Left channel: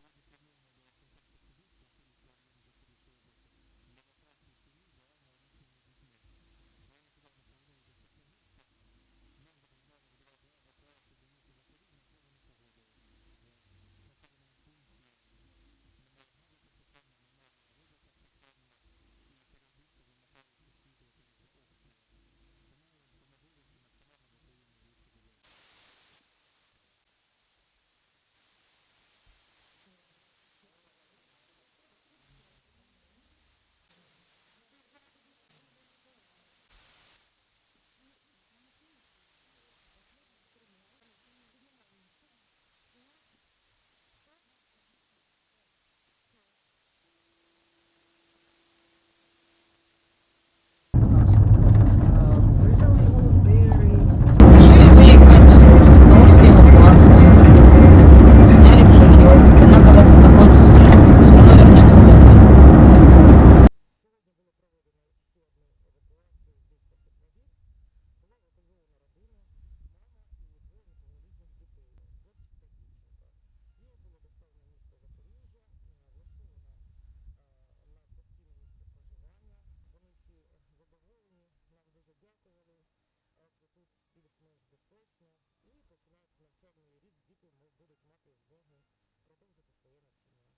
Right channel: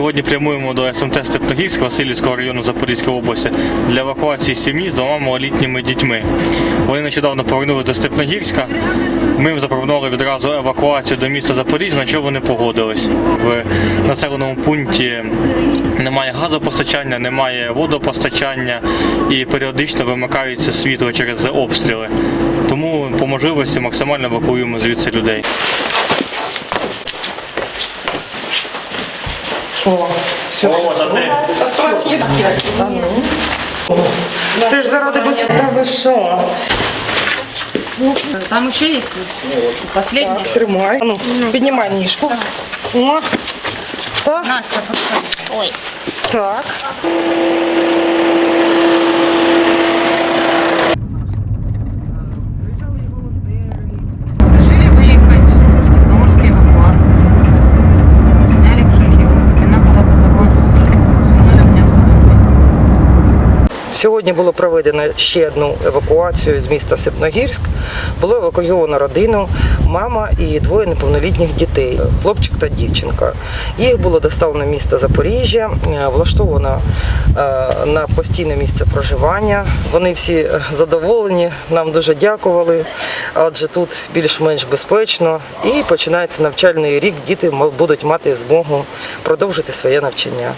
Сьогодні прямуємо до СМТ Степногірськ Васильівського району Запорізької області для евакуації сім'ї з двома малолітніми дітьми. Вони нещодавно повернулися до Степногірська. Ми їм запропонували відразу евакуацію до міста Запоріжжя, на що вони погодились. В населеному пункті немає газопостачання, немає водопостачання і періодично вимикається світло через обстріли. Тому по можливості максимально евакуюємо звідси людей. Це ж заради безпеки. Та ви що? Там еще есть? Последняя? Так, тримай. А Ну, піднімай ніжку. О. Так, Настя, подходи. Ой. так. Сьогодні було проведено ще одну евакуацію з міста Сипногірськ. Було евакуйовано родину, мама і двоє неповнолітніх дітей, хлопчик та дівчинка. Їх було доставлено в місто Запоріжжя, е, влаштовано е, на постійне місце проживання. Вони всі е, задоволені, нам дуже дякували, адже тут більш-менш безпечно. І починається навчальний рік. Діти будуть мати змогу продовжити своє навчання.